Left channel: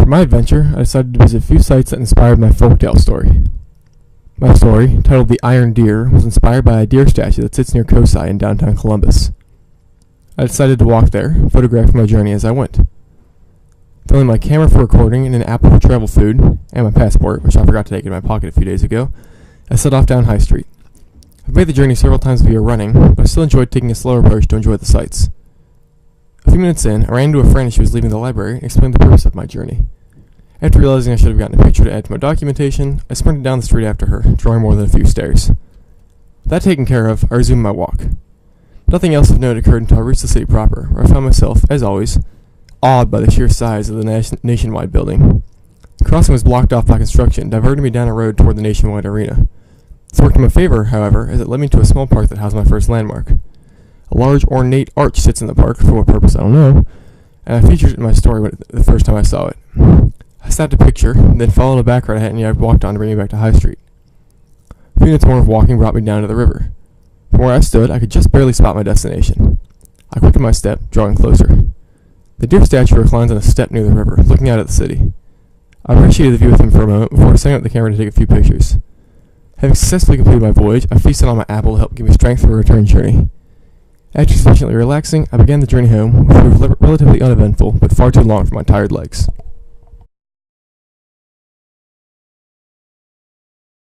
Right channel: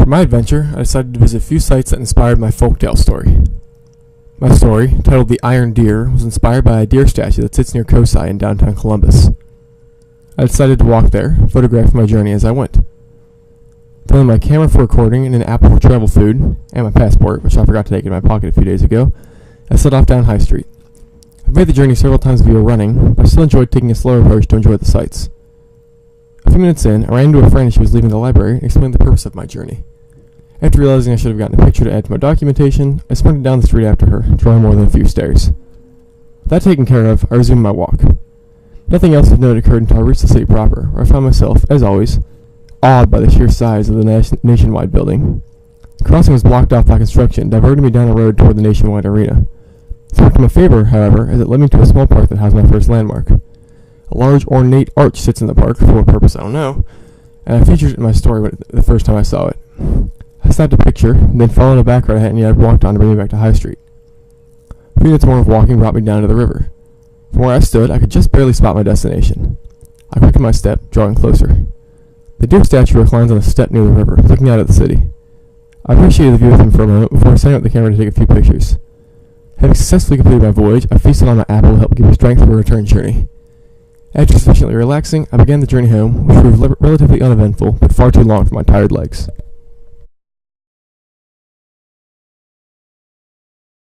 For my adventure, I decided to visit a few sites that inspired my folktale story. My story, titled The Iron Deer, was inspired by a deer statue that sits near Kosai in downtown Columbus. I decided to walk there, photographing my journey as I went. Throwing my camera for recording and an apple for travel food, and my passport, which I forgot to take in my pocket a few days ago, I set off down High Street. I've made the journey several times via running, but I still enjoyed taking a slower approach to enjoy the sights. A few minutes in, I ran into a friend as she was leaving the library and explained the purpose of my journey. After realizing I should have gotten a picture to add to my documentation, I sprinted down the street after her, drawing more than a few stares. With that taken care of, I resumed my walk. Nothing else of note occurred until I reached the city proper, where I found myself, as always, awed by the sheer size of the Nationwide building. The crossing was blocked off by construction, diverting me down a road toward the Nationwide Arena. This worked in my favor, however, as it led me to a small park that housed my first landmark. A large, ornate arch sits in the park, for what purpose I don't know, and I featured it in my story the first time I saw it. I snapped a picture, then followed a back road I hadn't yet walked on to bring me back to High Street. A few minutes more of walking brought me down to the river. From where I stood, I could just barely spot my destination. I quickened my step, drawing closer. The deer statue reclines on a step near the river, looking out at the city. I appreciated the view with him for a moment before setting up the camera to take a few pictures. Having successfully completed my voyage, I feasted on my apple to help give me strength for a return journey. After sufficiently relaxing, I began the journey home, which proved relatively uneventful, but far too long for my tired legs.